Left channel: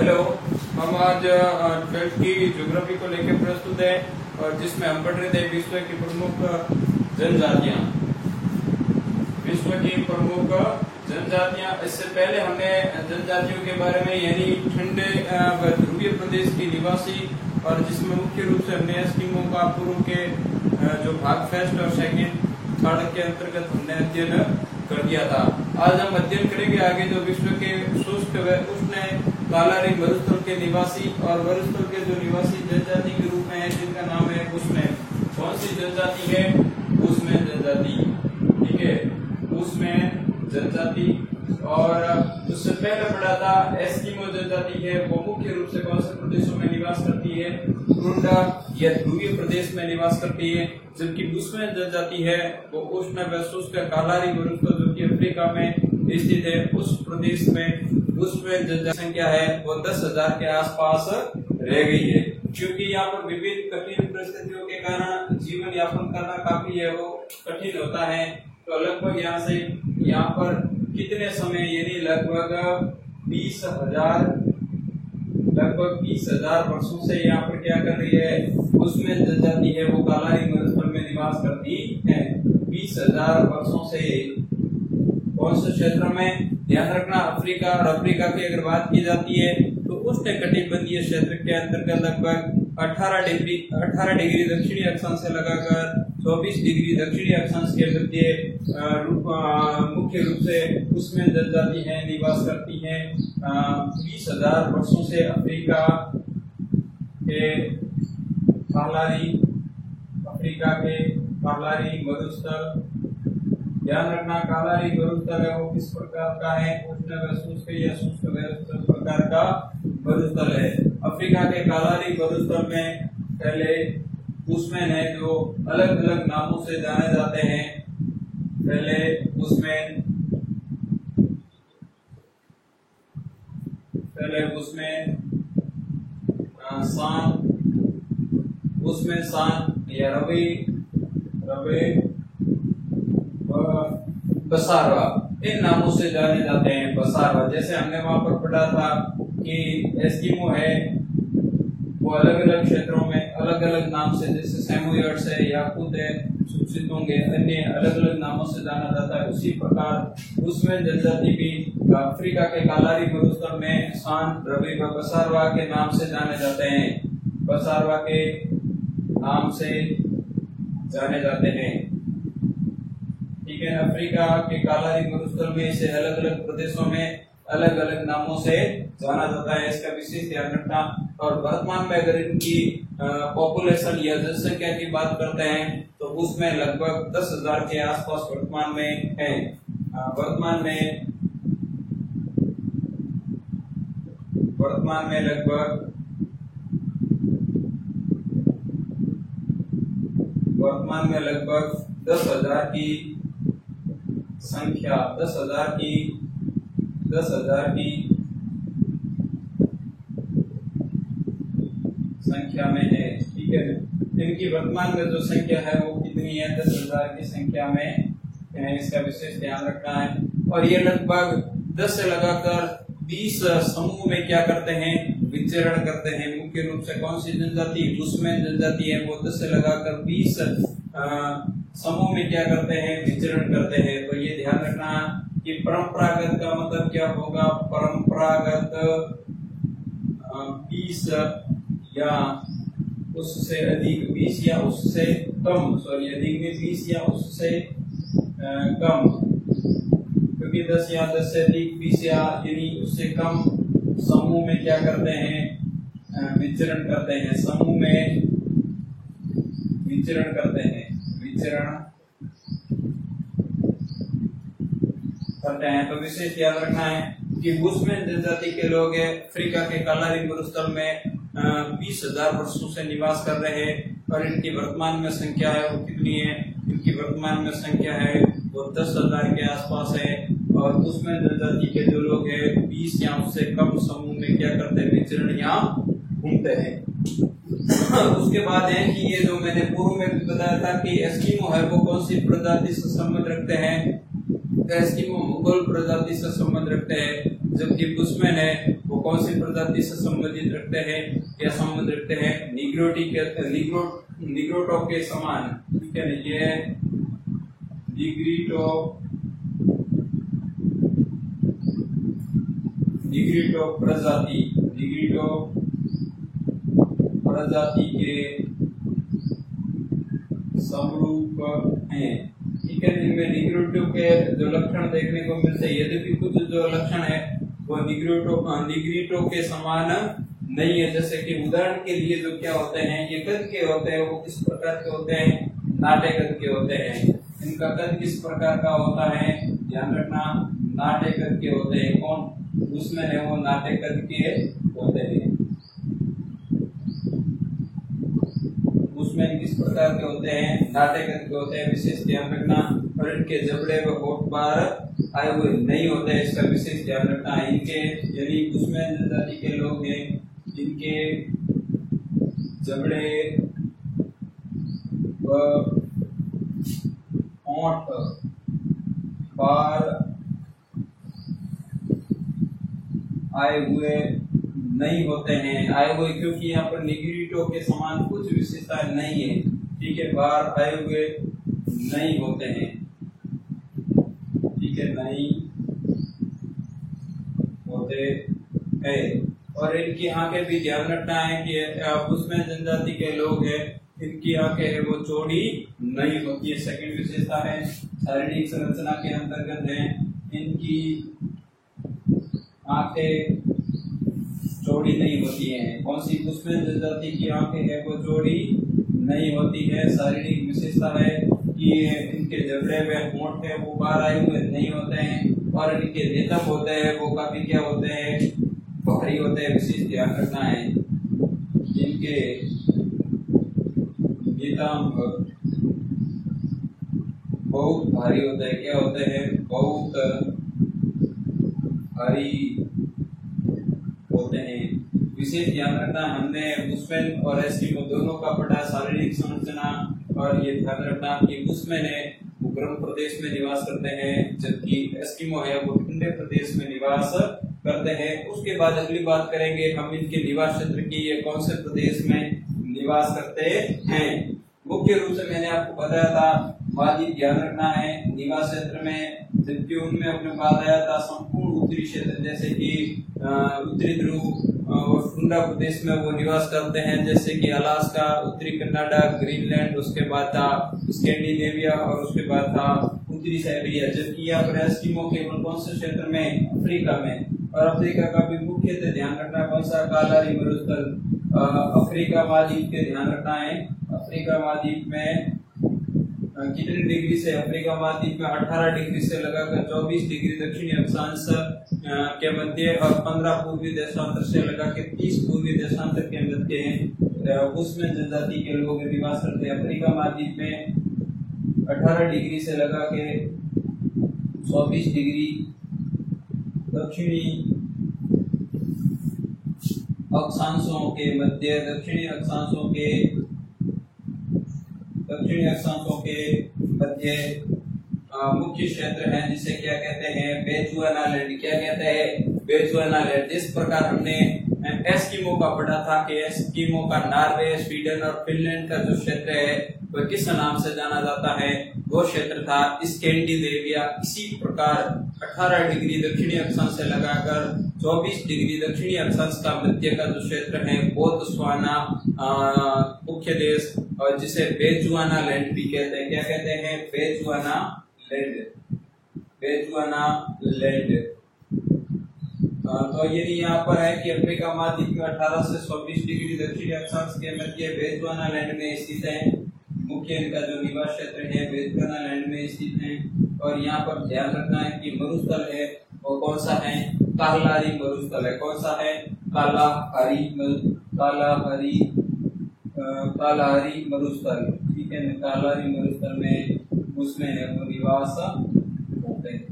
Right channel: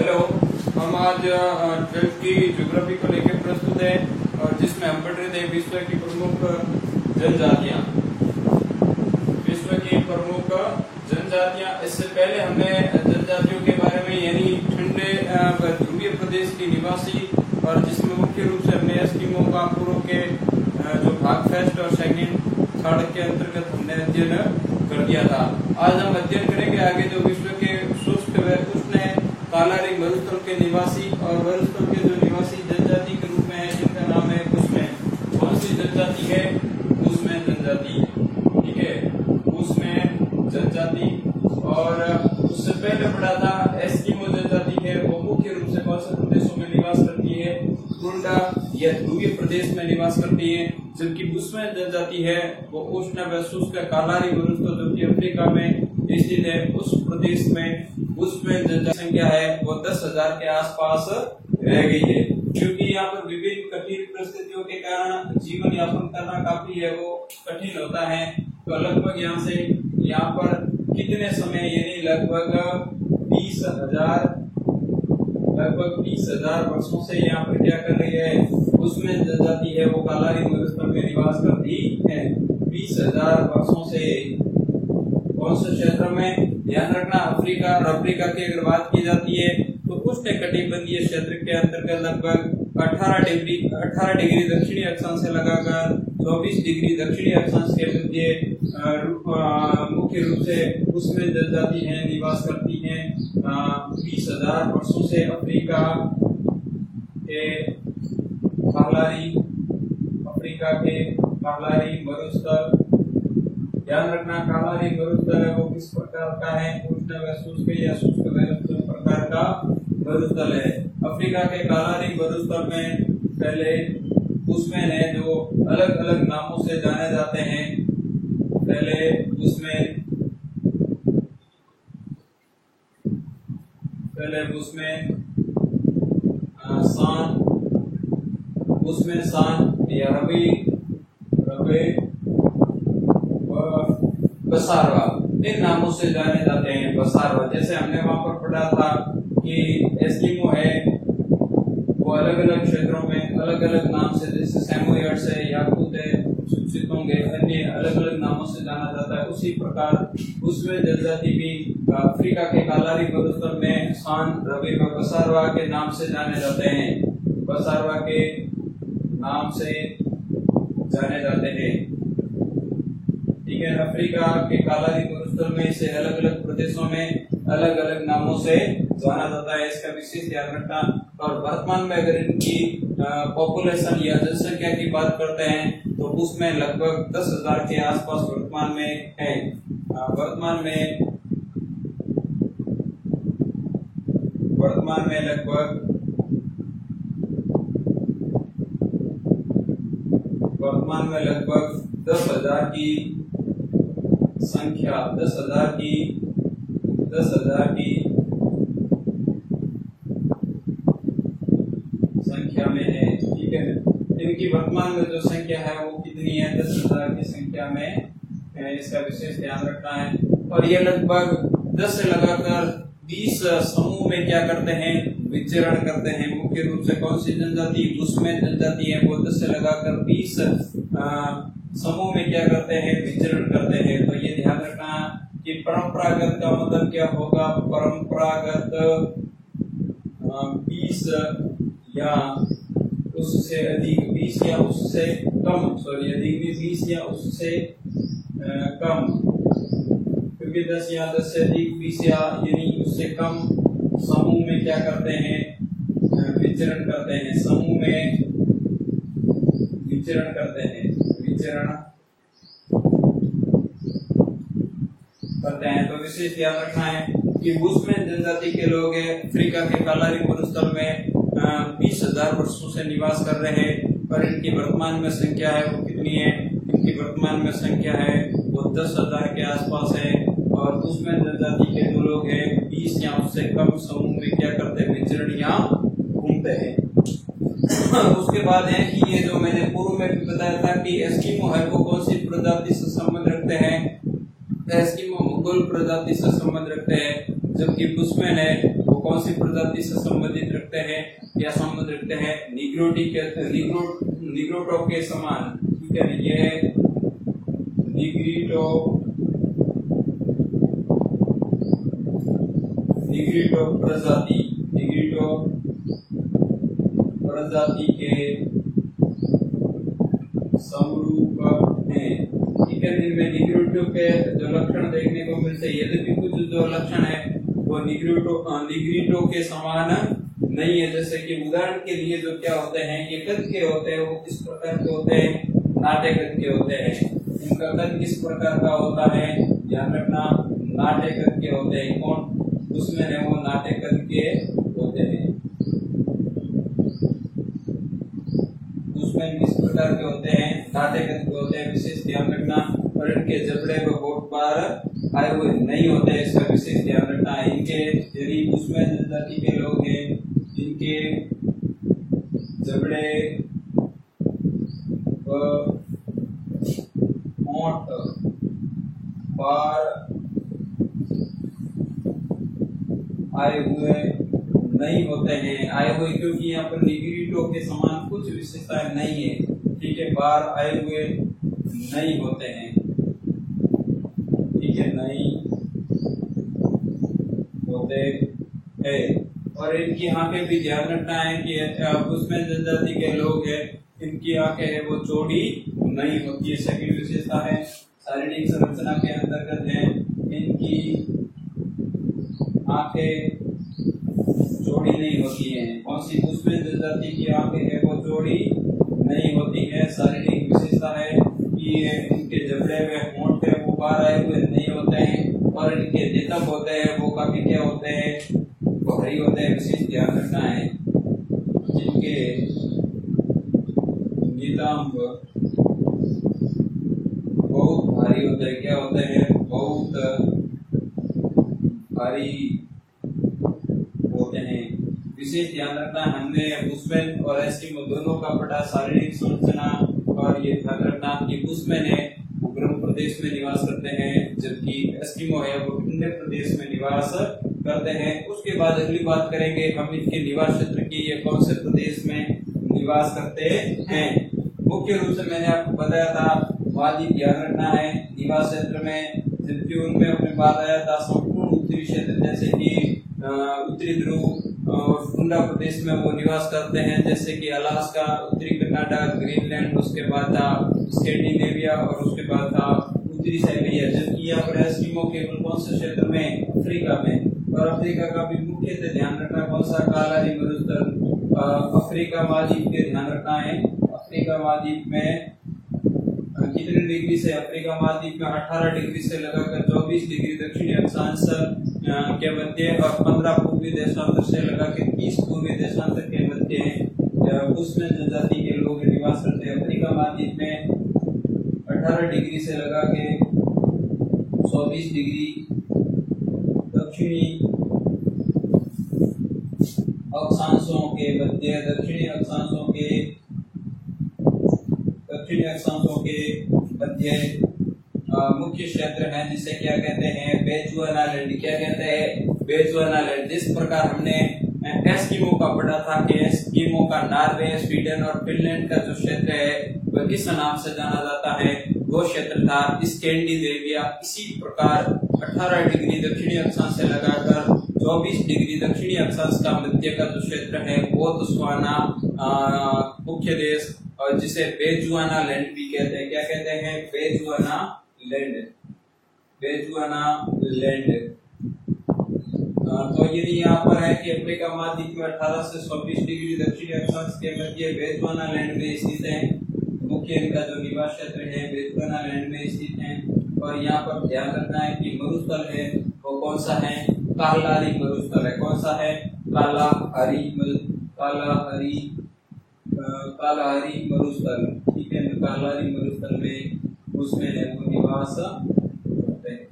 Hello, हम आज 12th की ज्योग्राफी को लेकर प्रस्तुत है और जिसमें हम पढ़ रहे थे विश्व की प्रमुख जनजातियां। विश्व की प्रमुख जनजातियां। इससे पहले हमने जनजातियों के बारे में यानी ठंडे व ध्रुवीय प्रदेश की निवासी और जिसमें मुख्य रूप से हमने एस्किमो का पूर्व के जो भाग फर्स्ट और सेकंड थर्ड के अंतर्गत हमने अध्ययन कर दिया था। आज हम अध्ययन करेंगे आगे जो विश्व के शुष्क व उष्ण कालारी मरुस्थल के निवासी और मरुस्थल के जो निवासी जनजाति के रूप में है जिनका नाम है उष्ण। कौन सी जनजाति है? उष्ण जनजाति। ठीक है, उष्ण जनजाति। और उससे पहले पढ़ा था एस्किमो जनजाति है, वो मुख्य रूप से कौन से प्रदेशों में निवास करती है? उल्टा या ध्रुवीय प्रदेश में निवास करती है। जबकि बुशमैन जनजाति है वो उष्ण व शुष्क कालारी मरुस्थल जो कि अफ्रीका में स्थित है उस प्रदेश में बुशमैन जनजाति संख्या है वो 10,000 के आसपास रह गई है। क्योंकि यहाँ पर विभिन्न कठिन परिस्थितियों के कारण जीवन यापन करना काफी है वो कठिन होता है। तो लगभग यहाँ से यहाँ पर कितने समय यानी लगभग 20,000 वर्षों से यहाँ पर क्या कर रही है? बुशमैन जनजाति है वो कालारी मरुस्थल में निवास करती है 20,000 वर्षों से। कौन से क्षेत्र में? ध्यान रखना अफ्रीका। और अफ्रीका की अगर बात की जाती है तो उष्ण कटिबंधीय क्षेत्र के अंतर्गत लगभग 18 डिग्री दक्षिणी अक्षांश से लगाकर 24 डिग्री दक्षिणी अक्षांश के मध्य मुख्य रूप से उसमें जनजाति है निवास करती है 20,000 वर्षों से अफ्रीका के कालारी मरुस्थल। ध्यान रखना कालारी मरुस्थल है वो किस प्रकार का है? उष्ण व शुष्क या शुष्क व प्रकार का मरुस्थल है। अफ्रीका के कालारी मरुस्थल में पहले बुशमैन है जो अलग अलग नामों से जाने जाते हैं। पहले बुशमैन सान या रबे बसारवा इन नामों से जाने जाते हैं। बसारवा जैसे हमने वहां पर पढ़ा था कि एस्किमो है वो अलग अलग क्षेत्रों में अलग अलग नाम से जैसे सैमोयड्स है, याकूत है, सुचितोंगे अन्य अलग अलग नामों से जाना जाता है। उसी प्रकार उसमें जनजाति भी अफ्रीका के कालारी मरुस्थल में सान रबे व बसारवा के नाम से जाने जाते हैं। बसारवा के नाम से जाने जाते हैं। ठीक है, अफ्रीका के कालारी मरुस्थल में इसे अलग अलग प्रदेशों में अलग अलग नामों से जाना जाता है, इसका विशेष ध्यान रखना। और वर्तमान में अगर इनकी पॉपुलेशन या जनसंख्या की बात करते हैं तो उसमें लगभग 10,000 के आसपास वर्तमान में है। वर्तमान में लगभग 10,000 की संख्या 10,000 की संख्या में है। ठीक है, इनकी वर्तमान में जो संख्या है वो कितनी है? 10,000 की संख्या में है, इसका विशेष ध्यान रखना है। और ये लगभग 10 से लगाकर 20 समूह में क्या करते हैं? विचरण करते हैं। मुख्य रूप से कौन सी जनजाति? बुशमैन जनजाति है वो 10 से लगाकर 20 समूह में क्या करते हैं? विचरण करते हैं। तो ये ध्यान रखना कि परंपरागत का मतलब क्या होगा? परंपरागत 20 या उससे अधिक, 20 या उससे कम, अधिक में 20 या उससे कम, क्योंकि 10 या 10 से अधिक 20 या यानी उससे कम समूह में क्या करते हैं? विचरण करते हैं। समूह में विचरण करते हैं तो विशेष ध्यान रखना है कि बुशमैन जनजाति के लोग अफ्रीका के कालारी मरुस्थल में 20,000 वर्षों से निवास कर रहे हैं। और इनकी वर्तमान में संख्या है वो कितनी है? इनकी वर्तमान में संख्या है वो 10,000 के आसपास है। और बुशमैन जनजाति के जो लोग हैं 20 या उससे कम समूह में क्या करते हैं? विचरण या घूमते हैं। उसके बाद है कि ये जो मैंने पूर्व में भी बताया था कि एस्किमो है वो कौन सी प्रजाति से संबंध रखते हैं? एस्किमो मुगल प्रजाति से संबंध रखते हैं, जबकि बुशमैन है वो कौन सी प्रजाति से संबंधित रखते हैं या संबंध रखते हैं, निग्रोटो के समान, ठीक है। ये निग्रिटो प्रजाति के समरूप हैं, ठीक है। इनमें निग्रिटो के जो लक्षण देखने को मिलते हैं, यद्यपि कुछ जो लक्षण है वो निग्रिटो के समान नहीं है। जैसे कि उदाहरण के लिए जो क्या होते हैं, ये कद के होते हैं, वो किस प्रकार के होते हैं, नाटे कद के होते हैं। इनका कद किस प्रकार का होता है, ध्यान रखना, नाटे कद के होते हैं। कौन उसमें है, वो नाटे कद के होते हैं। उसमें किस प्रकार के होते हैं, नाटे कद के होते हैं, विशेष ध्यान रखना। और इनके जबड़े व होठ बार आए हुए नहीं होते हैं, इसका विशेष ध्यान रखना है। इनके यदि उसमें जनजाति के लोग हैं, इनके जबड़े व होठ बार आए हुए नहीं होते हैं। आए हुए क्योंकि यहाँ पर निग्रिटो के समान कुछ विशेषताएं नहीं है, ठीक है। बार आए हुए नहीं होते हैं, ठीक है, नहीं होते हैं। और इनकी आंखें भी ध्यान रखना है कि उसमें जनजाति के लोग हैं, इनकी आंखें है वो चौड़ी नहीं होती है। सेकंड विशेषता है, शारीरिक संरचना के अंतर्गत है, इनकी आंखें चौड़ी नहीं होती हैं। कौन सी उसमें जनजाति की आंखें है वो चौड़ी नहीं होती है। शारीरिक विशेषता है कि इनके जबड़े में होंठ है वो बाहर आए हुए नहीं होते हैं, और इनके नितंब होते हैं वो काफी क्या होते हैं, भारी होते हैं। विशेष ध्यान रखना है, इनके नितंब बहुत भारी होते हैं। क्या होते हैं, बहुत भारी होते हैं। विशेष ध्यान रखना, हमने बुशमैन और एस्किमो दोनों का पढ़ा, शारीरिक संरचना। और ये ध्यान रखना कि बुशमैन है वो गर्म प्रदेश में निवास करते हैं, जबकि एस्किमो है वो ठंडे प्रदेश में निवास करते हैं। उसके बाद अगली बात करेंगे हम इनके निवास क्षेत्र की, ये कौन से प्रदेश में निवास करते हैं। मुख्य रूप से मैंने आपको बताया था वादी, ध्यान रखना है निवास क्षेत्र में, जबकि उनमें अपने बात आया था संपूर्ण उत्तरी क्षेत्र, जैसे कि उत्तरी ध्रुव और ठंडा प्रदेश में वो निवास करते हैं, जैसे कि अलास्का, उत्तरी कनाडा, ग्रीनलैंड, उसके बाद था स्कैंडिनेविया और उसके बाद था उत्तरी साइबेरिया। जबकि यहाँ पर एस्किमो केवल कौन से क्षेत्र में, अफ्रीका में। और अफ्रीका का भी मुख्यतः ध्यान रखना कौन सा, कालारी मरुस्थल। अफ्रीका महाद्वीप के ध्यान रखना है, अफ्रीका महाद्वीप में कितने डिग्री से, अफ्रीका महाद्वीप में 18 डिग्री से लगाकर 24 डिग्री दक्षिणी अक्षांश के मध्य और 15 पूर्वी देशांतर से लगाकर 30 पूर्वी देशांतर के मध्य उसमें जनजाति के लोग निवास करते हैं। अफ्रीका महाद्वीप में 18 डिग्री से लगा के 24 डिग्री दक्षिणी अक्षांशों के मध्य, दक्षिणी अक्षांशों के मध्य मुख्य क्षेत्र है, जिसे क्या कहते हैं, बेचुआनालैंड। क्या कहते हैं, बेचुआनालैंड। जिस प्रकार हमने एस्किमो का पढ़ा था कि एस्किमो का नॉर्वे, स्वीडन और फिनलैंड का जो क्षेत्र है वह किस नाम से जाना जाता है, वो क्षेत्र था स्कैंडिनेविया। इसी प्रकार 18 डिग्री दक्षिणी अक्षांश से लगाकर 24 डिग्री दक्षिणी अक्षांश का मध्य का जो क्षेत्र है बोत्सवाना मुख्य देश, और जिसे बेचुआनालैंड भी कहते हैं। क्या कहते हैं, बेचुआनालैंड। तो यदि यहाँ पर है कि अफ्रीका महाद्वीप में 18 से 24 डिग्री दक्षिणी अक्षांश के मध्य बेचुआनालैंड में स्थित है। मुख्य इनका जो निवास क्षेत्र है बेचुआनालैंड में स्थित है। और यहाँ पर ध्यान रखना है कि मरुस्थल है वो कौन सा है, कालाहारी मरुस्थल है। कौन सा है, कालाहारी मरुस्थल, ठीक है। कालाहारी मरुस्थल में उसमें है वो निवास करते हैं।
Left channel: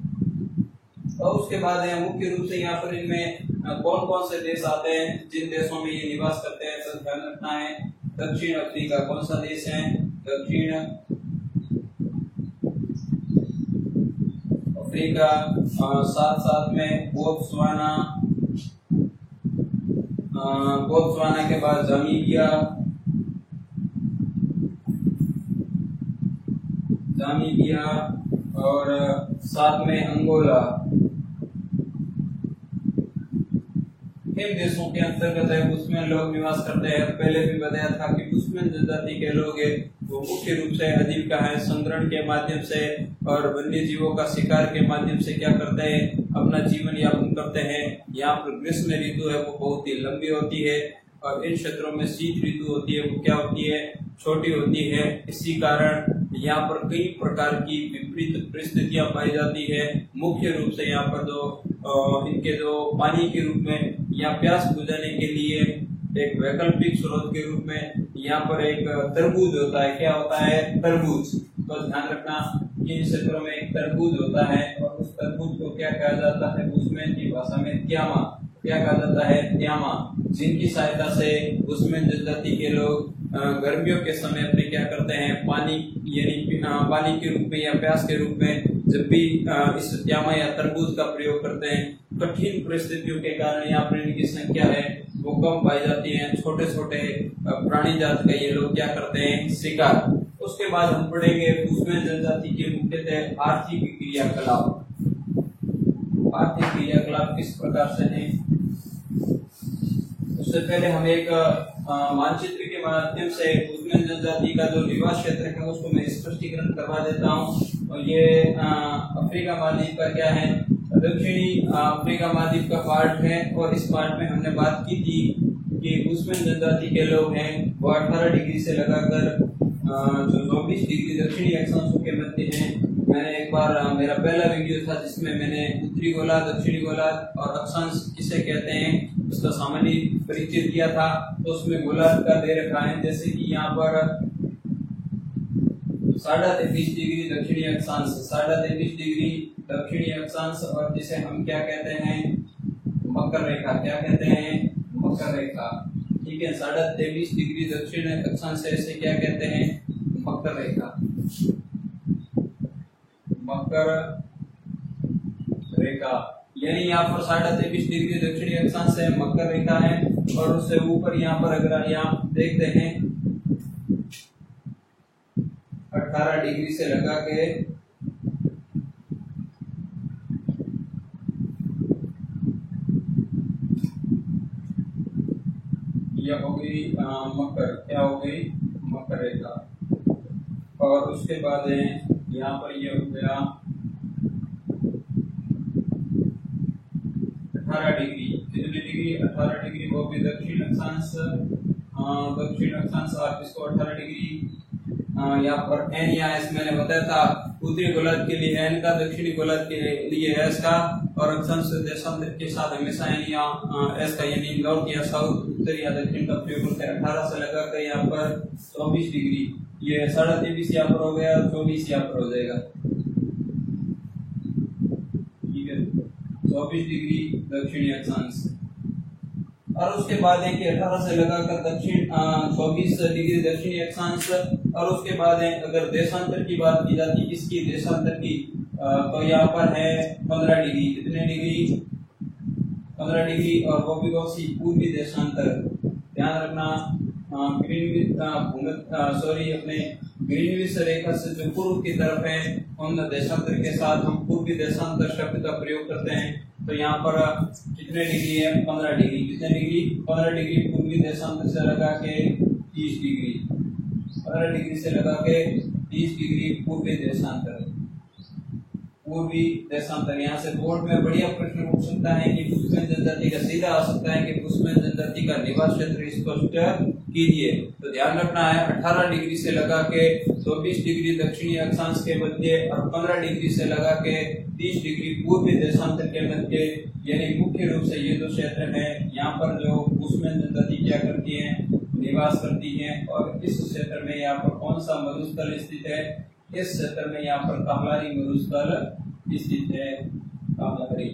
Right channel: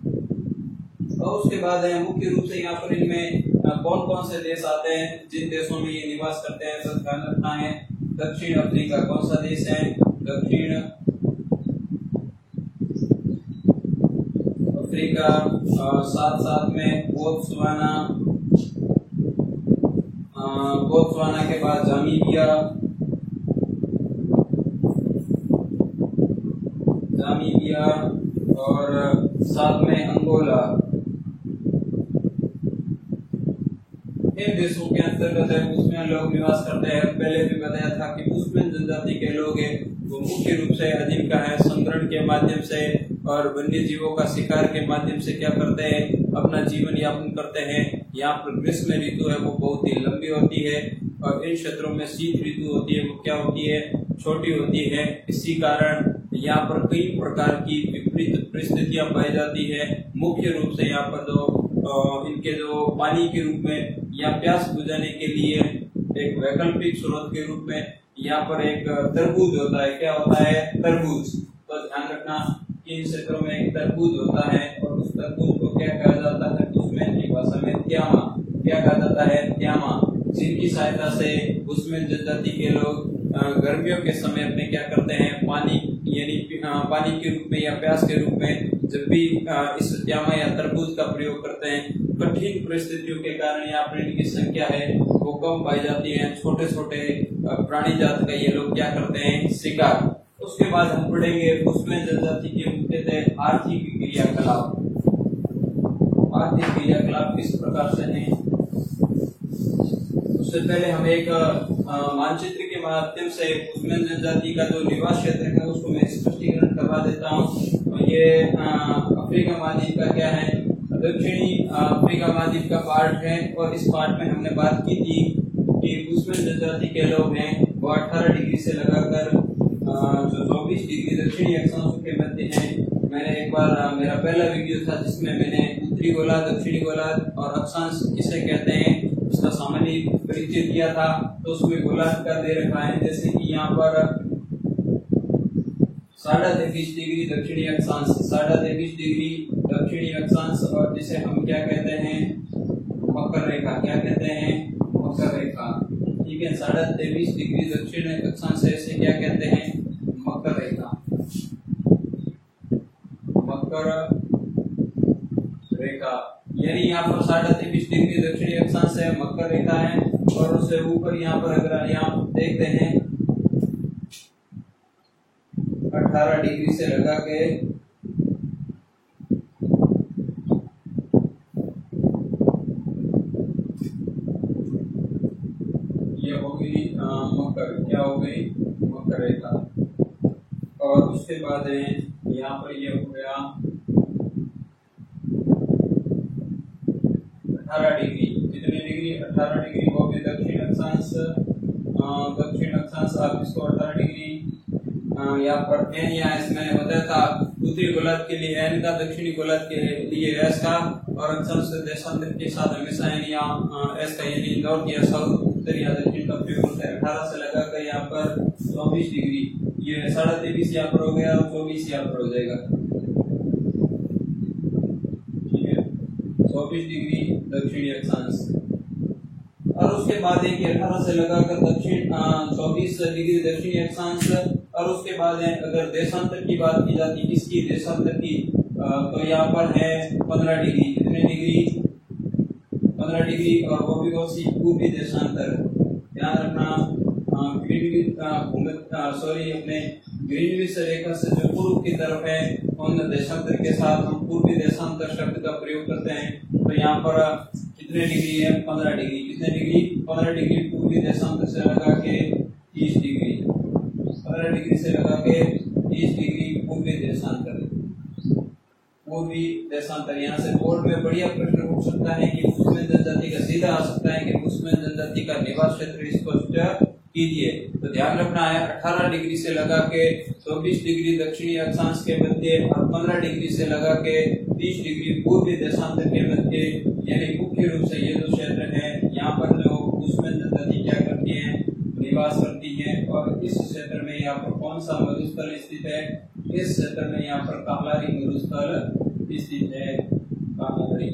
और उसके बाद है मुख्य रूप से यहाँ पर इनमें कौन कौन से देश आते हैं, जिन देशों में ये निवास करते हैं, तो ध्यान रखना है। दक्षिण अफ्रीका कौन सा देश है, दक्षिण अफ्रीका, साथ साथ में बोत्सवाना, बोत्सवाना के बाद जामीबिया और साथ में अंगोला। इन देशों के अंतर्गत है बुशमैन लोग निवास करते हैं। पहले भी बताया था कि बुशमैन जनजाति के लोग है वो मुख्य रूप से आजीविका है संग्रहण के माध्यम से और वन्य जीवों का शिकार के माध्यम से क्या करते हैं, अपना जीवन यापन करते हैं। यहाँ पर ग्रीष्म ऋतु है वो बहुत ही लंबी होती है और इन क्षेत्रों में शीत ऋतु होती है वो क्या होती है, छोटी होती है। इसी कारण यहाँ पर कई प्रकार की विपरीत परिस्थितियां पाई जाती है। मुख्य रूप से यहाँ पर इनके जो पानी के रूप में या प्यास बुझाने के लिए एक वैकल्पिक स्रोत के रूप में यहाँ पर एक तरबूज होता है। क्या होता है? तरबूज। तो ध्यान रखना कि इन क्षेत्रों में एक तरबूज होता है और उस तरबूज को क्या कहा जाता है बुशमैन की भाषा में? त्यामा। क्या कहा जाता है? त्यामा। जिनकी सहायता से बुशमैन जनजाति के लोग गर्मियों के समय अपने क्या करते हैं, पानी यानी पानी के रूप में या प्यास के रूप में जब भी इस त्यामा या तरबूज का प्रयोग करते हैं, कठिन परिस्थितियों के कारण यहाँ पर इनकी संख्या है वो कम पाई जाती है। छोटे छोटे प्राणी जात का ये लोग क्या करते हैं, शिकार। उसके बाद हम पढ़ेंगे बुशमैन जनजाति के मुख्यतः आर्थिक क्रियाकलाप। आर्थिक क्रियाकलाप किस प्रकार से है, उससे पहले हम एक मानचित्र के माध्यम से बुशमैन जनजाति का जो निवास क्षेत्र है उसको मैं स्पष्टीकरण करवा देता हूँ। और ये अफ्रीका महाद्वीप का क्या है, दक्षिणी अफ्रीका महाद्वीप का पार्ट है। और इस पार्ट में हमने बात की थी कि बुशमैन जनजाति के लोग हैं वो 18 डिग्री से लगाकर जो 24 डिग्री दक्षिणी अक्षांशों के मध्य हैं। मैंने एक बार मेरा पहला वीडियो था जिसमें मैंने उत्तरी गोलार्ध, दक्षिणी गोलार्ध और अक्षांश किसे कहते हैं उसका सामान्य परिचय दिया था। तो उसमें गोलार्ध का दे रखा है, जैसे कि यहाँ पर 23.5 डिग्री दक्षिणी अक्षांश, 23.5 डिग्री दक्षिणी अक्षांश और जिसे हम क्या कहते हैं, मकर रेखा। क्या कहते हैं? मकर रेखा। ठीक है, 23.5 डिग्री दक्षिण अक्षांश से क्या कहते हैं, मकर रेखा। मकर रेखा यानी यहाँ पर 23.5 डिग्री दक्षिणी अक्षांश से मकर रेखा है। और उससे ऊपर यहाँ पर अगर यहाँ देखते हैं 18 डिग्री से लगा के यह हो गई मकर, क्या हो गई, मकर रेखा। और उसके बाद है यहाँ पर यह हो गया 18 डिग्री। कितने डिग्री? 18 डिग्री। वो भी दक्षिण अक्षांश, दक्षिण अक्षांश आप इसको 18 डिग्री यहाँ पर एन या एस मैंने बताया था। उत्तरी गोलार्ध के लिए एन का, दक्षिणी गोलार्ध के लिए एस का और अक्षांश देशांतर के साथ हमेशा एन या एस का यानी नॉर्थ या साउथ, उत्तर या दक्षिण का प्रयोग होता है। 18 से लगा कर यहाँ पर 24 डिग्री, ये 23.5 यहाँ पर हो गया और 24 यहाँ पर हो जाएगा। ठीक है, 24 डिग्री दक्षिणी अक्षांश। और उसके बाद है कि 18 से लगाकर दक्षिण 24 डिग्री दक्षिणी अक्षांश। और उसके बाद है अगर देशांतर की बात की जाती है, किसकी? देशांतर की, तो यहाँ पर है 15 डिग्री। कितने डिग्री? 15 डिग्री। और वो भी कौन सी? पूर्वी देशांतर। ध्यान रखना अपने ग्रीनविच रेखा से जो पूर्व की तरफ है उन देशांतर के साथ हम पूर्वी देशांतर शब्द का प्रयोग करते हैं। तो यहाँ पर कितने डिग्री है? 15 डिग्री। कितने डिग्री? 15 डिग्री पूर्वी देशांतर से लगा के 30 डिग्री, 15 डिग्री से लगा के 30 डिग्री पूर्वी देशांतर। पूर्वी देशांतर यहाँ से बोर्ड में बढ़िया प्रश्न पूछ सकता है कि बुशमैन जनजाति का सीधा आ सकता है कि बुशमैन जनजाति का निवास क्षेत्र स्पष्ट कीजिए। तो ध्यान रखना है 18 डिग्री से लगा के 24 डिग्री दक्षिणी अक्षांश के मध्य और 15 डिग्री से लगा के 30 डिग्री पूर्वी देशांतर के मध्य, यानी मुख्य रूप से ये जो क्षेत्र है यहाँ पर जो बुशमैन जनजाति क्या करती है, निवास करती है। और इस क्षेत्र में यहाँ पर कौन सा मरुस्थल स्थित है? इस क्षेत्र में यहाँ पर कामलारी मरुस्थल स्थित है, कामलारी।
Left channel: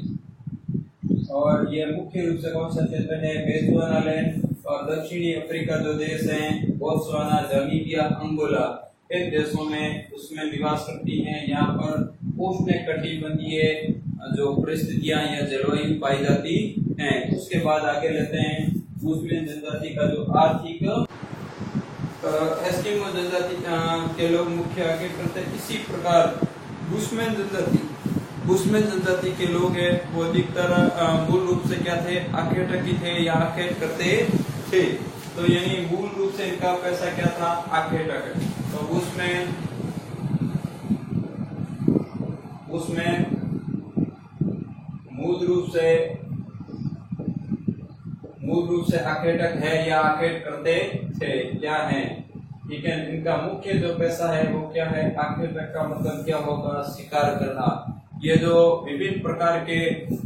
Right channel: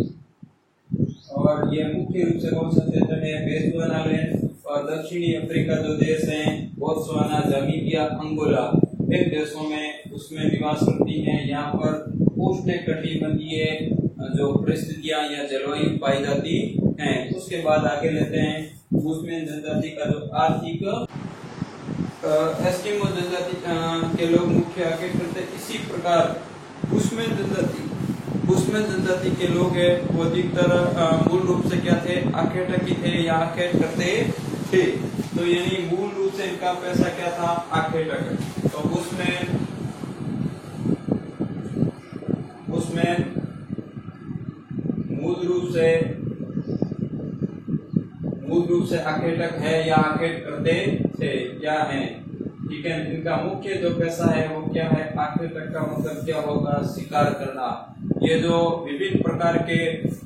और यह मुख्य रूप से कौन सा क्षेत्र है? बेतुआनालैंड और दक्षिणी अफ्रीका जो देश हैं, बोत्सवाना, नामीबिया, अंगोला, इन देशों में उसमें निवास करती हैं। यहाँ पर उष्णकटिबंधीय जो परिस्थितियां या जलवायु पाई जाती हैं। उसके बाद आगे लेते हैं बुशमैन जनजाति का जो आर्थिक एस्किमो जनजाति के लोग मुख्य आगे करते हैं। इसी प्रकार बुशमैन जनजाति के लोग है वो अधिकतर मूल रूप से क्या थे, आखेटकी थे या आखेट करते थे। तो यानी मूल रूप से इनका पैसा क्या था, आखेटक। तो बुशमैन मूल रूप से आखेटक है या आखेट करते थे, क्या है, ठीक है। इनका मुख्य जो पैसा है वो क्या है, आखेटक का मतलब क्या होगा, शिकार करना। ये जो विभिन्न प्रकार के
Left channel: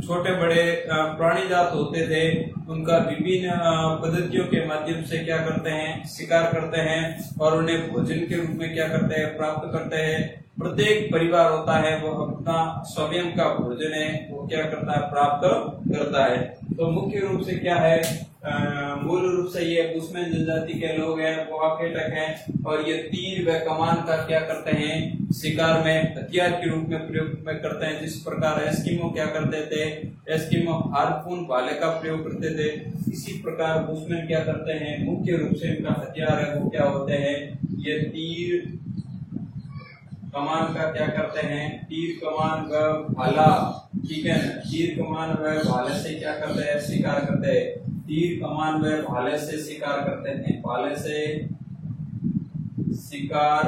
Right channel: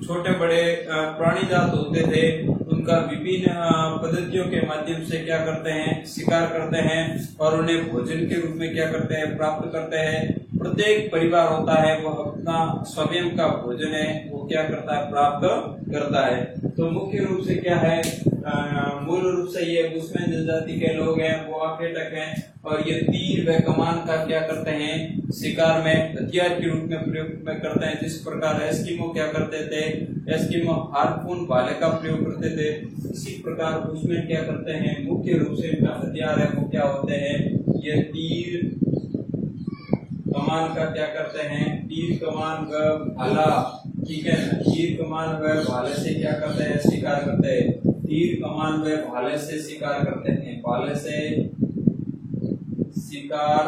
छोटे बड़े प्राणी जात होते थे उनका विभिन्न पद्धतियों के माध्यम से क्या करते हैं, शिकार करते हैं और उन्हें भोजन के रूप में क्या करते हैं, प्राप्त करते हैं। प्रत्येक परिवार होता है वो अपना स्वयं का भोजन है वो क्या करता है, प्राप्त करता है। तो मुख्य रूप से क्या है, मूल रूप से ये बुशमैन जनजाति के लोग हैं वो आखेटक हैं और ये तीर व कमान का क्या करते हैं, शिकार में हथियार के रूप में प्रयोग में करते हैं। जिस प्रकार एस्किमो क्या करते थे, एस्किमो हार्पून भाले का प्रयोग करते थे, इसी प्रकार बुशमैन क्या करते हैं, मुख्य रूप से इनका हथियार है वो क्या होते हैं, ये तीर कमान का क्या करते हैं, तीर कमान व भाला, ठीक है ना। तीर कमान व भाले से क्या करते हैं, शिकार करते हैं। तीर कमान व भाले से शिकार करते हैं, भाले से शिकार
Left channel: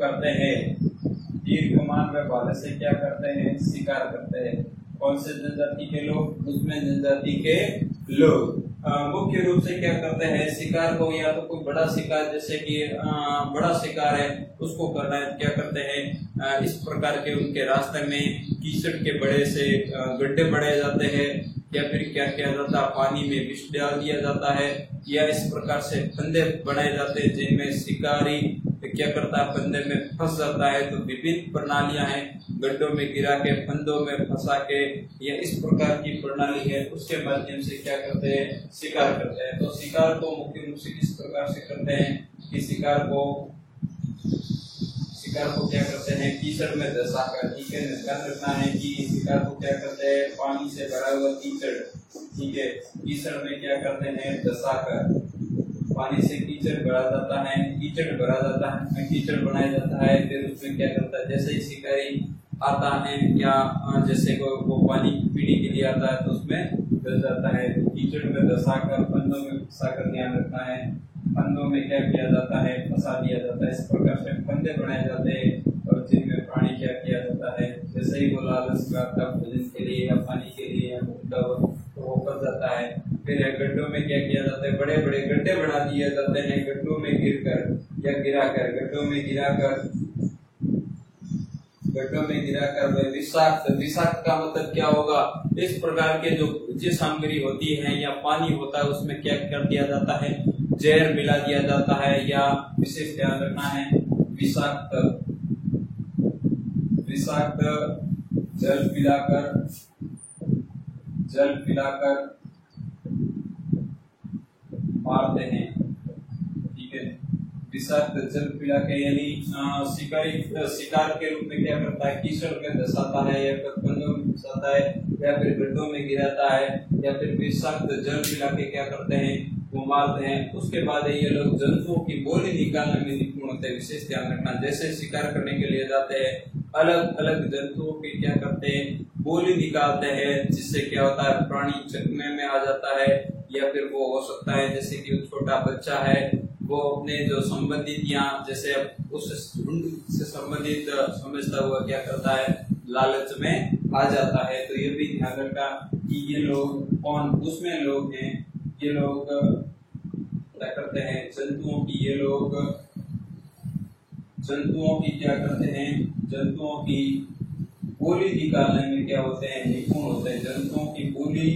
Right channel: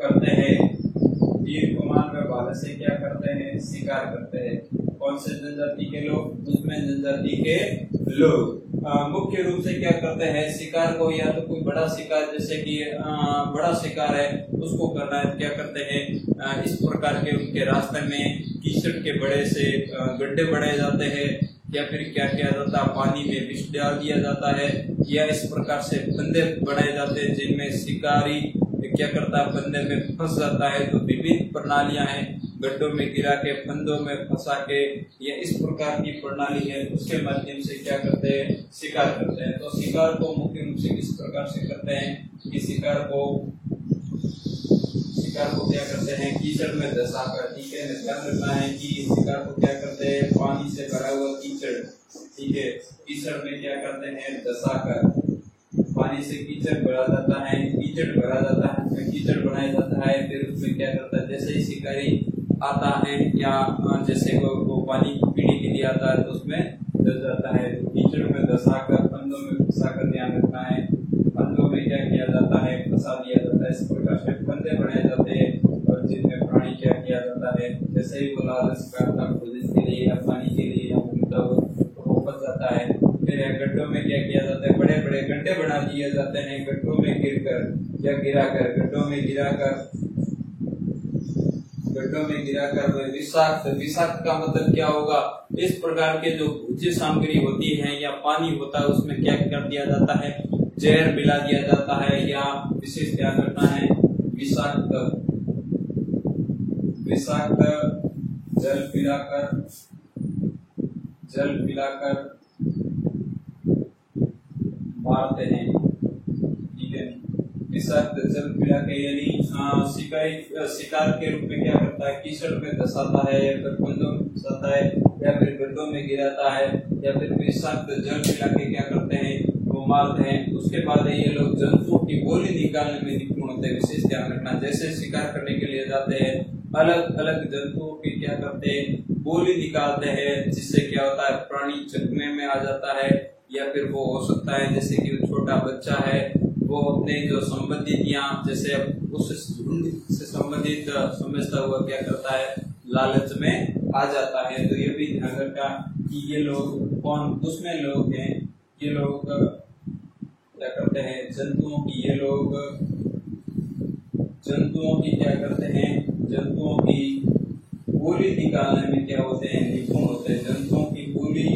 करते हैं। तीर कमान व भाले से क्या करते हैं, शिकार करते हैं। कौन से जनजाति के लोग, बुशमैन जनजाति के लोग मुख्य रूप से क्या करते हैं, शिकार को या तो कोई बड़ा शिकार जैसे कि बड़ा शिकार है उसको करना है, क्या करते हैं, इस प्रकार के उनके रास्ते में कीचड़ के बड़े से गड्ढे बनाए जाते हैं या फिर क्या किया जाता है, पानी में विष डाल दिया जाता है या इस प्रकार से फंदे बनाए जाते हैं जिनमें शिकारी क्या करता है, फंदे में फंस जाता है। तो विभिन्न प्रणालियां हैं, गड्ढों में गिरा के, फंदों में फंसा के, या इस प्रकार की प्रणाली है उसके माध्यम से क्या करते हैं, शिकार करते हैं। तो शिकार को मुख्य रूप से किस प्रकार से करते हैं कि शिकार को क्या करते हैं, कीचड़ में धंसाकर, ठीक है। ध्यान रखना है कि शिकार को क्या करते हैं, पानी से भरा हुआ कीचड़, ठीक है, कीचड़ में क्या करते हैं, धंसाकर, पानी से कीचड़ भरा जाता है, कीचड़ बनाया जाता है। फिर उसमें क्या करता है, जैसे ही शिकारी आता है या जैसे वो पानी पीने के लिए आता है तो उसमें धस जाता है। तो कीचड़ में धंसाकर, फंदों में फंसाकर, ध्यान रखना है, फंदों में क्या किया जाता है, फंसा दिया जाता है। इस प्रकार से फंदे बनाए जाते हैं और जिनमें प्राणी क्या किया जाता है, जैसे ही वो लालच करता भोजन के लिए या पानी के लिए या घूमता हो तो वो फंस जाता है। फिर गड्ढों में क्या किया जाता है, बड़े बड़े गड्ढे बना दिए जाते हैं, गड्ढों में गिरकर या गिराकर, गड्ढों में गिराकर विषाक्त का मतलब क्या होगा, इस प्रकार के जो भोज्य सामग्री होती है या पानी होता है उसमें क्या कर दिया जाता है, जहर मिला दिया जाता है या विशेष ध्यान रखना है विषाक्त जल पिलाकर मारते हैं, ठीक है। विषाक्त जल पिला के यानी शिकार के रूप में क्या करता है, कीचड़ में धंसाता है या फिर फंदों में फंसाता है या फिर गड्ढों में गिराता है या फिर विषाक्त जल पिला के क्या करते हैं, वो मारते हैं। उसके बाद ये लोग जंतुओं की बोली निकालने में निपुण होते हैं, विशेष ध्यान रखना। जैसे शिकार करने के लिए जाते हैं, अलग अलग जंतुओं की क्या करते हैं, बोली निकालते हैं, जिससे क्या होता है, प्राणी चकमे में आ जाता है या फिर वो हो सकता है जैसे कि छोटा बच्चा है वो अपने जो संबंधित या जैसे उस झुंड से संबंधित समझता हुआ क्या करता है, लालच में आ जाता है। तो ये भी ध्यान रखा कि ये लोग कौन, उसमें लोग हैं, ये लोग क्या करते हैं, जंतुओं की क्या करते हैं, जंतुओं की बोली निकालने में क्या होते हैं, निपुण होते हैं। जंतुओं की बोली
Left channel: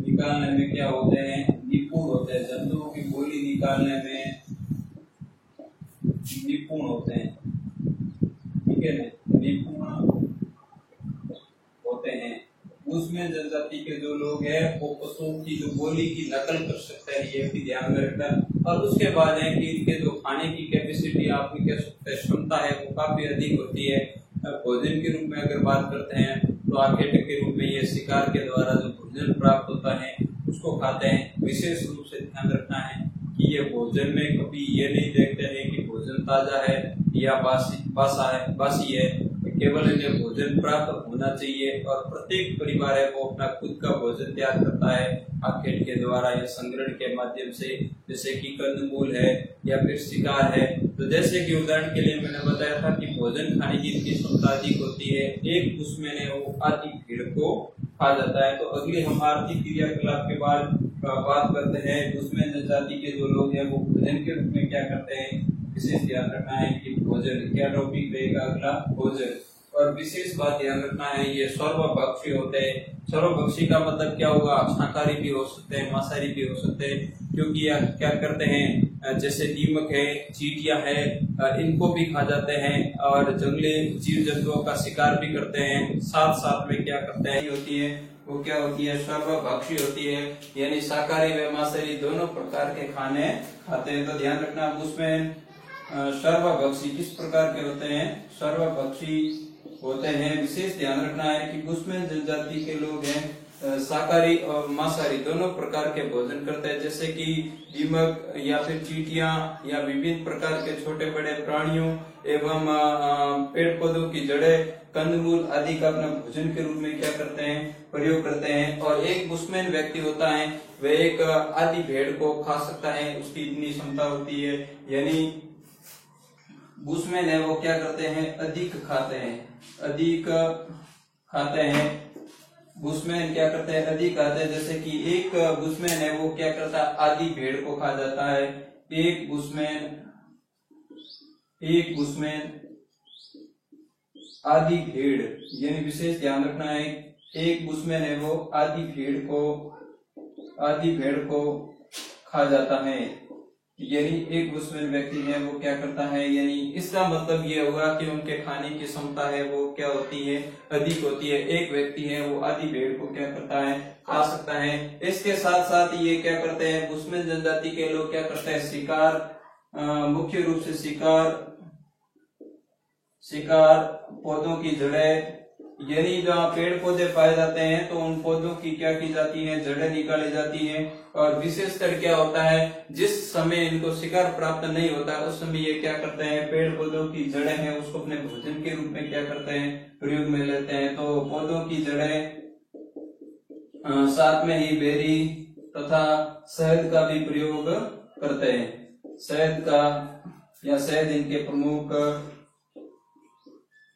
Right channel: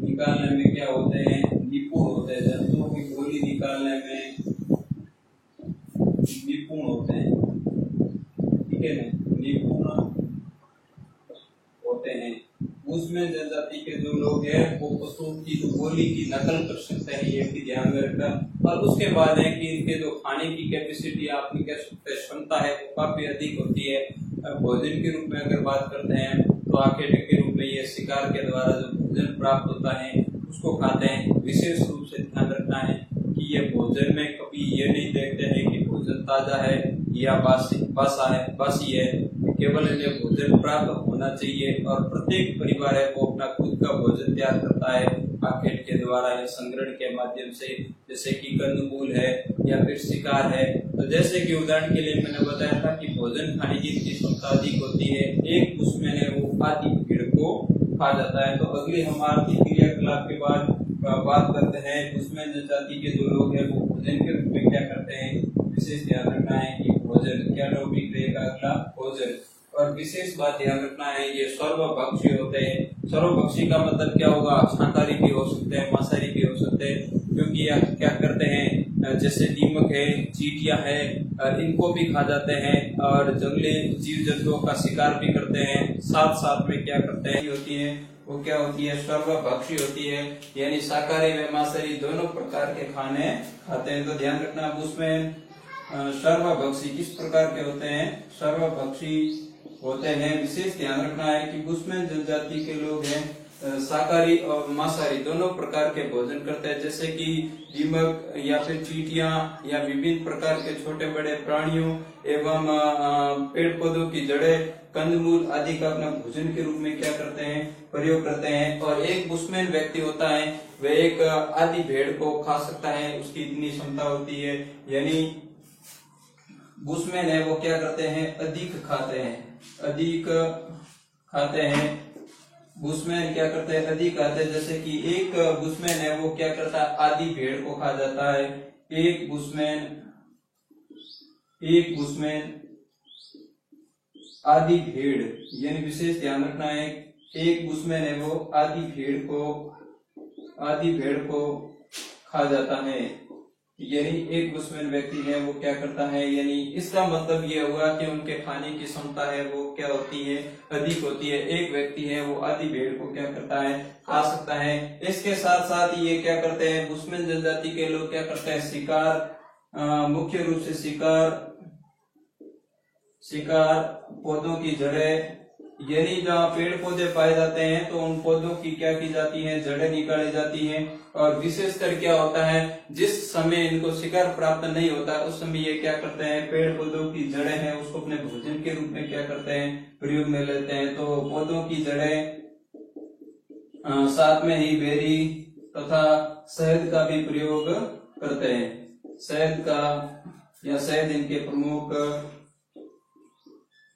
निकालने में क्या होते हैं, निपुण होते हैं। जंतुओं की बोली निकालने में निपुण होते हैं, ठीक है ना, निपुण होते हैं। उसमें जनजाति के जो लोग हैं वो पशुओं की जो बोली की नकल कर सकते हैं, ये भी ध्यान में रखना। और उसके बाद है कि इनके जो खाने की कैपेसिटी, आप कह सकते हैं क्षमता है, वो काफी अधिक होती है। भोजन के रूप में अगर बात करते हैं तो आखेट के रूप में ये शिकार के द्वारा जो भोजन प्राप्त होता है उसको खाते हैं। विशेष रूप से ध्यान रखना है कि ये भोजन में कभी ये नहीं देखते हैं कि भोजन ताजा है या बासी है। केवल इन्हें भोजन प्राप्त होना चाहिए और प्रत्येक परिवार है वो अपना खुद का भोजन तैयार करता है आखेट के द्वारा या संग्रहण के माध्यम से, जैसे कि कंदमूल है या फिर शिकार है। तो जैसे कि उदाहरण के लिए मैंने बताया था कि भोजन खाने की इनकी क्षमता अधिक होती है, एक बुशमैन है वो आधी भीड़ को खा जाता है। तो अगली हम आर्थिक क्रियाकलाप के बाद बात करते हैं बुशमैन जनजाति के जो लोग हैं वो भोजन के रूप में क्या करते हैं। विशेष ध्यान रखना है कि भोजन क्या टॉपिक रहेगा अगला, भोजन। और विशेष बात ध्यान रखना है ये सर्वभक्षी होते हैं। सर्वभक्षी का मतलब क्या होगा, शाकाहारी भी हो सकते हैं, मांसाहारी भी हो सकते हैं, क्योंकि यह क्या करते हैं जैसे दीमक है, चींटियां है, इनको भी खा जाते हैं और जंगली जीव जंतुओं का शिकार भी करते हैं। साथ साथ में क्या करते हैं होती है वो क्या होती है, सर्वभक्षी होती है, यानी शाकाहारी व मांसाहारी दोनों प्रकार के खाने खाते हैं। तो ध्यान रखना बुशमैन सर्वभक्षी किस प्रकार के होते हैं, सर्वभक्षी होते हैं। विशेष ध्यान रखना है कि बुशमैन जनजाति के लोग हैं शाकाहारी और मांसाहारी दोनों प्रकार के भोजन करते हैं, जैसे कि दीमक या फिर चींटियां या विभिन्न प्रकार के छोटे बड़े प्राणियों एवं पेड़ पौधों की जड़ें, कंदमूल आदि का अपना भोजन के रूप में क्या करते हैं, प्रयोग करते हैं। और एक बुशमैन व्यक्ति होता है वह एक आधी भेड़ को खा सकता है, उसकी इतनी क्षमता होती है। यानी बुशमैन है वो क्या करते हैं, अधिक खाते हैं, अधिक खाते हैं। बुशमैन क्या करते हैं, अधिक खाते हैं। जैसे कि एक बुशमैन है वो क्या करता है, आधी भेड़ को खा जाता है। एक बुशमैन आधी भेड़, यानी विशेष ध्यान रखना है एक बुशमैन है वो आधी भेड़ को खा जाता है। यानी एक बुशमैन व्यक्ति है वो क्या करता है, यानी इसका मतलब ये हुआ कि उनके खाने की क्षमता है वो क्या होती है, अधिक होती है। एक व्यक्ति है वो आधी भेड़ को क्या करता है, खा सकता है। इसके साथ साथ ये क्या करते हैं, बुशमैन जनजाति के लोग क्या करते हैं, शिकार, मुख्य रूप से शिकार पौधों की जड़ें, यानी जहाँ पेड़ पौधे पाए जाते हैं तो उन पौधों की क्या की जाती है, जड़ें निकाली जाती हैं। और विशेषकर क्या होता है, जिस समय इनको शिकार प्राप्त नहीं होता उस समय ये क्या करते हैं, पेड़ पौधों की जड़ें हैं उसको अपने भोजन के रूप में क्या करते हैं, प्रयोग में लेते हैं। तो पौधों की जड़ें, साथ में ही बेरी तथा शहद का भी प्रयोग करते हैं। शहद इनके प्रमुख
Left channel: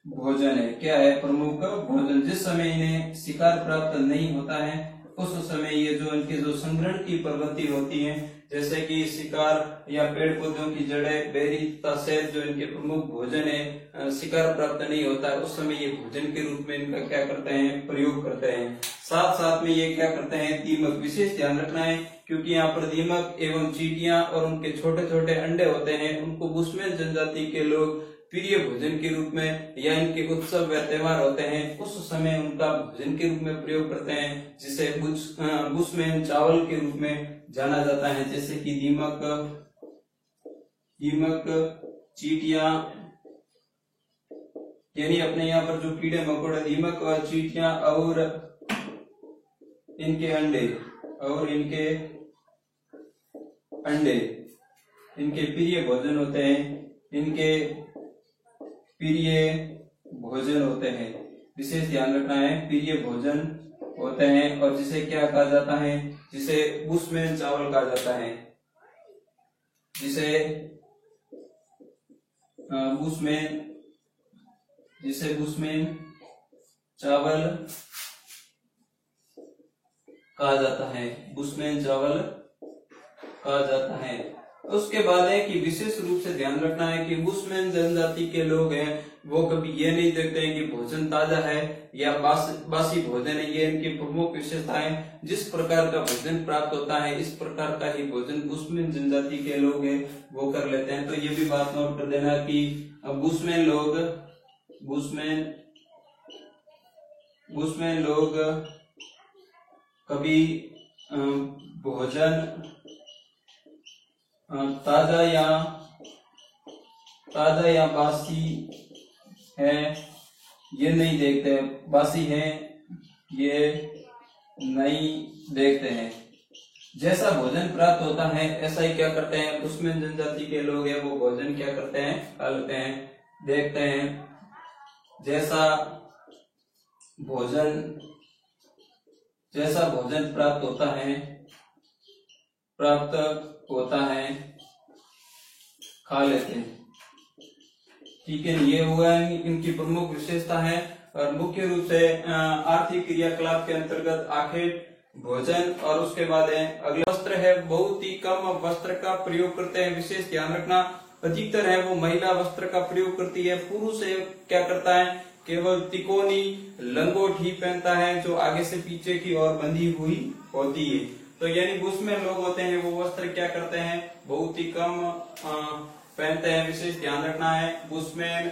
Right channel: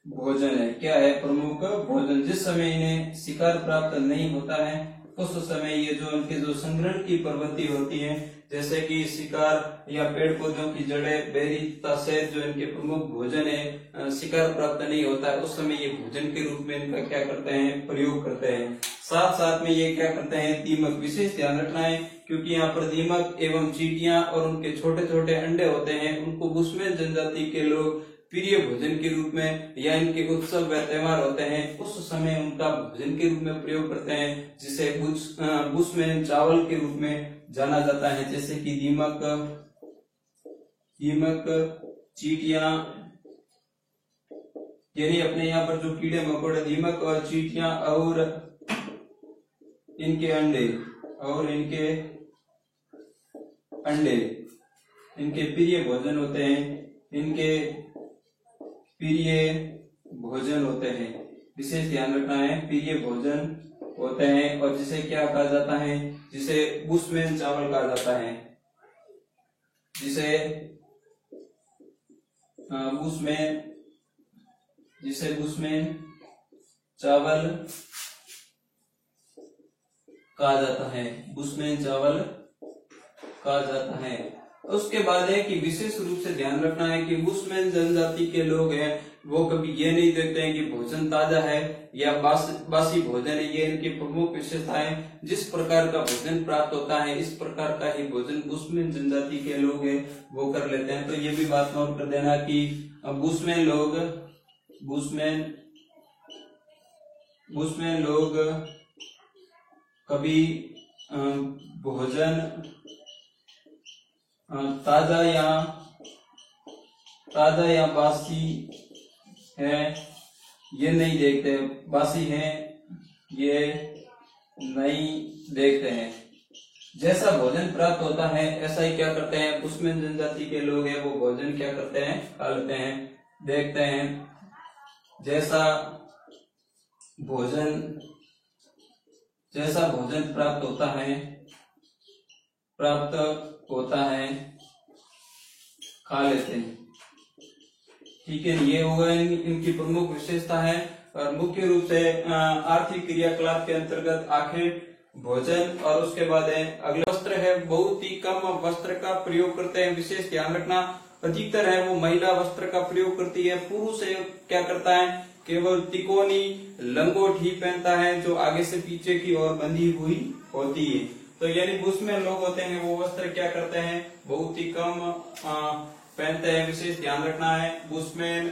भोजन है। क्या है, प्रमुख भोजन। जिस समय इन्हें शिकार प्राप्त नहीं होता है उस समय ये जो इनके जो संग्रहण की प्रवृत्ति होती है, जैसे कि शिकार या पेड़ पौधों की जड़ें, बेरी तथा शहद जो इनके प्रमुख भोजन है, शिकार प्राप्त नहीं होता है उस समय ये भोजन के रूप में इनका क्या करते हैं, प्रयोग करते हैं। साथ साथ में ये क्या करते हैं, दीमक। विशेष ध्यान रखना है क्योंकि यहाँ पर दीमक एवं चींटियां और उनके छोटे छोटे अंडे होते हैं, उनको बुशमैन जनजाति के लोग प्रिय भोजन के रूप में या इनके उत्सव व त्योहार होते हैं उस समय उनका भोजन के रूप में प्रयोग करते हैं, जिसे बुशमैन चावल के रूप में जाना जाता है। जैसे कि दीमक, चींटियां, यानी अपने यहाँ पर जो कीड़े मकोड़े, दीमक और चींटियां और इनके अंडे इनके प्रिय भोजन होते हैं, विशेष ध्यान रखना है, प्रिय भोजन होते हैं। और जिसे क्या कहा जाता है, जिसे बुशमैन चावल कहा जाता है, जिसे बुशमैन चावल कहा जाता है। उसके बाद है कि विशेष रूप से ध्यान रखना है कि बुशमैन जनजाति के लोग हैं वो कभी ये नहीं देखते हैं कि भोजन ताजा है या बासी भोजन है। ये इनकी प्रमुख विशेषताएं, जिस प्रकार का भोजन प्राप्त होता है इस प्रकार का ही भोजन बुशमैन जनजाति के लोग हैं वो कर लेते हैं। तो ये भी बात नोट कर देना कि बुशमैन लोग कभी भोजन ताजा या बासी है ये नहीं देखते, बासी है ये नहीं देखते हैं। जैसा भोजन प्राप्त होता है ऐसा ही क्या करते हैं बुशमैन जनजाति के लोग हैं वो भोजन क्या करते हैं खा लेते हैं। देखते हैं जैसा भोजन प्राप्त होता है खा लेते हैं। ठीक है, ये हुआ इनकी प्रमुख विशेषता है। और मुख्य रूप से आर्थिक क्रियाकलाप के अंतर्गत आखिर भोजन और उसके बाद है अगला वस्त्र है। बहुत ही कम वस्त्र का प्रयोग करते हैं, विशेष ध्यान रखना। अधिकतर है वो महिला वस्त्र का प्रयोग करती है। पुरुष क्या करता है केवल तिकोनी लंगोट ही पहनता है जो आगे से पीछे की ओर बंधी हुई होती है। तो यानी बुशमैन लोग होते हैं वो वस्त्र क्या करते हैं बहुत ही कम पहनते हैं, विशेष ध्यान रखना है। बुशमैन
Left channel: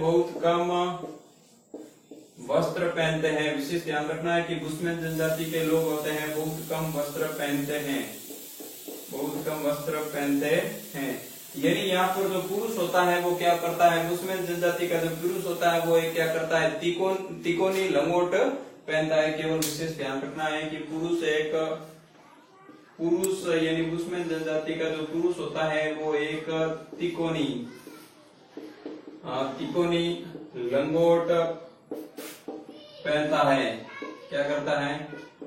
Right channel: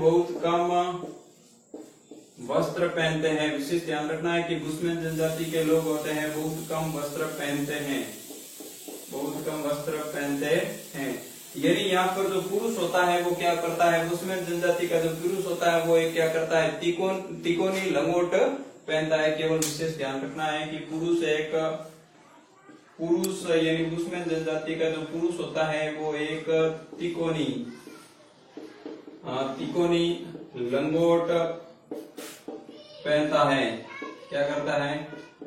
बहुत कम वस्त्र पहनते हैं, विशेष ध्यान रखना है कि बुशमैन जनजाति के लोग होते हैं बहुत कम वस्त्र पहनते हैं। यानी यहाँ पर जो पुरुष होता है वो क्या करता है बुशमैन जनजाति का जो पुरुष होता है वो क्या करता है तिकोनी लंगोट पहनता है केवल। विशेष ध्यान रखना है कि पुरुष यानी बुशमैन जनजाति का जो पुरुष होता है वो एक तिकोनी लंगोट पहनता है। क्या करता है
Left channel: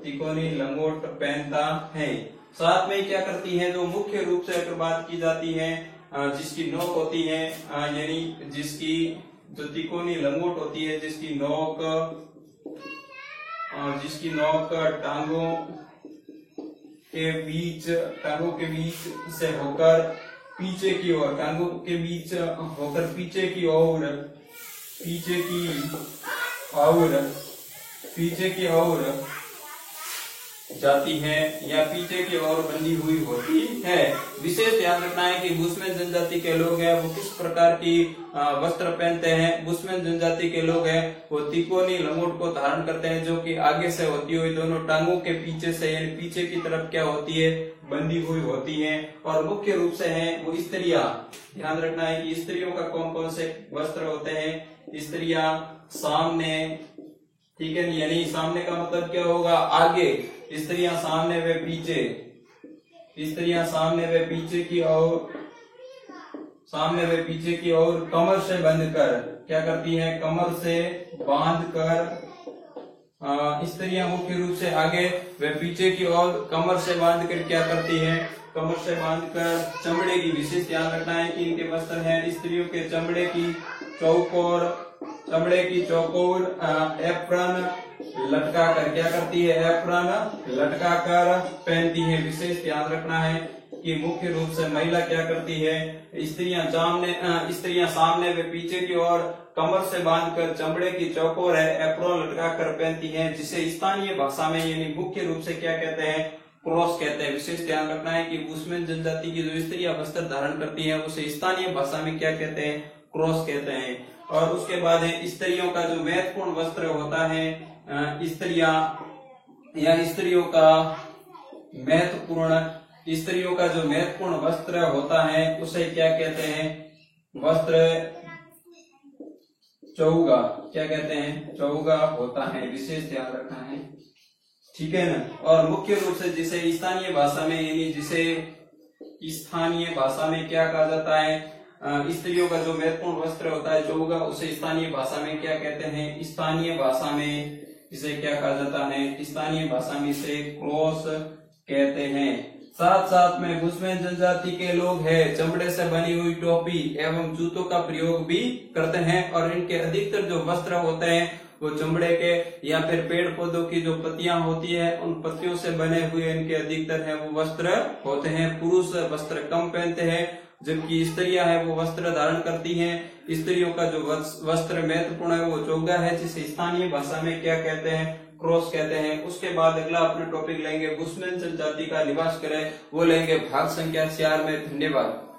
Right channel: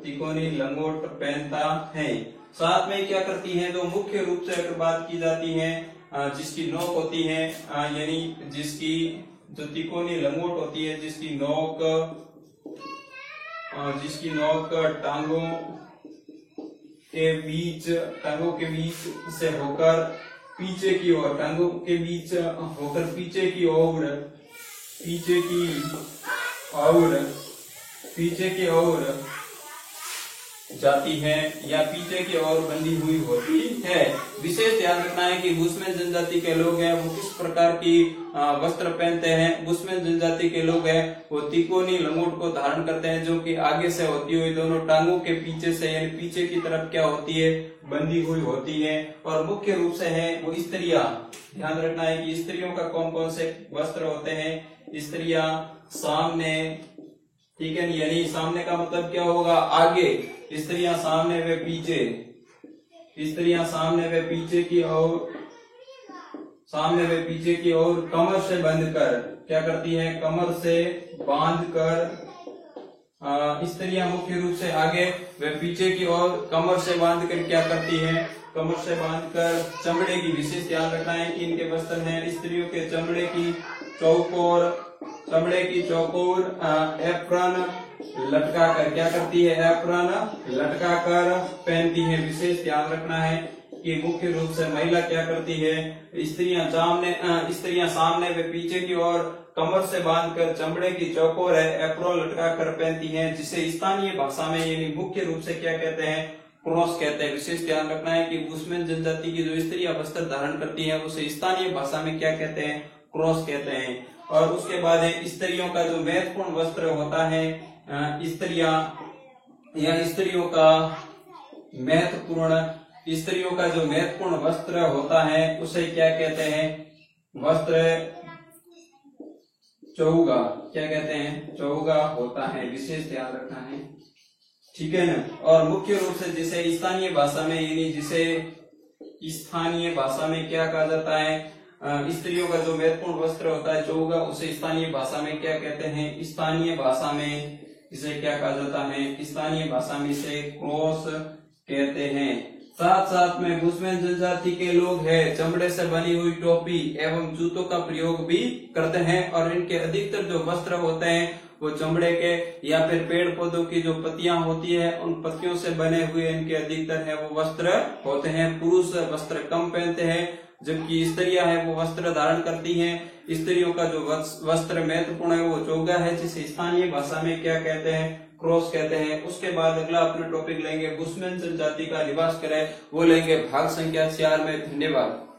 तिकोनी लंगोट पहनता है। साथ में क्या करती है जो मुख्य रूप से अगर बात की जाती है जिसकी नोक होती है यानी जिसकी जो तिकोनी लंगोट होती है जिसकी नोक टांगों के बीच से होकर पीछे की ओर पीछे की ओर जाती है या पीछे की ओर बंधी हुई होती है। विशेष ध्यान रखना है कि बुशमैन जनजाति के लोग हैं वो किस प्रकार की वस्त्र पहनते हैं। बुशमैन जनजाति के लोग हैं वो तिकोनी लंगोट को धारण करते हैं जो कि आगे से होती हुई दोनों टांगों के पीछे से यानी पीछे की तरफ क्या होती है बंधी हुई होती है। और मुख्य रूप से है वो स्त्रियां, ध्यान रखना है कि स्त्रियों का कौन कौन से वस्त्र होते हैं। स्त्रियां सामने, ठीक है, यानी सामने का मतलब क्या होगा आगे, स्त्रियां सामने व पीछे की ओर कमर से बांधकर क्या करती है कमर से बांधकर स्त्रियां मुख्य रूप से आगे व पीछे की ओर कमर से बांधकर क्या करती है कमर से बांधकर चमड़े की, विशेष ध्यान रखना है कि इनके वस्त्र हैं स्त्रियों के चमड़े की चौकोर एप्रन लटका कर क्या करती है एप्रन लटका कर पहनती है। विशेष ध्यान रखना है कि मुख्य रूप से महिला क्या करती है स्त्रियां सामने व पीछे की ओर कमर से बांधकर चमड़े की चौकोर एप्रन लटका कर पहनती है जिसे स्थानीय भाषा में यानी मुख्य रूप से क्या कहते हैं क्रॉस कहते हैं। विशेष ध्यान रखना है कि बुशमैन जनजाति की जो स्त्रियां वस्त्र धारण करती है उसे स्थानीय भाषा में क्या कहते हैं क्रॉस कहते हैं। और उसके बाद है स्त्रियों का जो महत्वपूर्ण वस्त्र होता है स्त्रियों का जो महत्वपूर्ण वस्त्र होता है उसे क्या कहते हैं वस्त्र चौगा, क्या कहते हैं चौगा होता है। विशेष ध्यान रखना है, ठीक है ना। और मुख्य रूप से जिसे स्थानीय भाषा में यानी जिसे स्थानीय भाषा में क्या कहा जाता है स्त्रियों का जो महत्वपूर्ण वस्त्र होता है चौगा उसे स्थानीय भाषा में क्या कहते हैं स्थानीय भाषा में इसे क्या कहा जाता है स्थानीय भाषा में इसे क्रॉस कहते हैं। साथ साथ में बुशमैन जनजाति के लोग हैं चमड़े से बनी हुई टोपी एवं जूतों का प्रयोग भी करते हैं और इनके अधिकतर जो वस्त्र होते हैं वो चमड़े के या फिर पेड़ पौधों की जो पत्तियां होती है उन पत्तियों से बने हुए इनके अधिकतर है वो वस्त्र होते हैं। पुरुष वस्त्र कम पहनते हैं जबकि स्त्रियां है वो वस्त्र धारण करती हैं। स्त्रियों का जो वस्त्र महत्वपूर्ण है वो चौगा है जिसे स्थानीय भाषा में क्या कहते हैं क्रॉस कहते हैं। उसके बाद अगला अपने टॉपिक लेंगे बुशमैन जनजाति का लिबास करें, वो लेंगे भाग संख्या 4 में। धन्यवाद।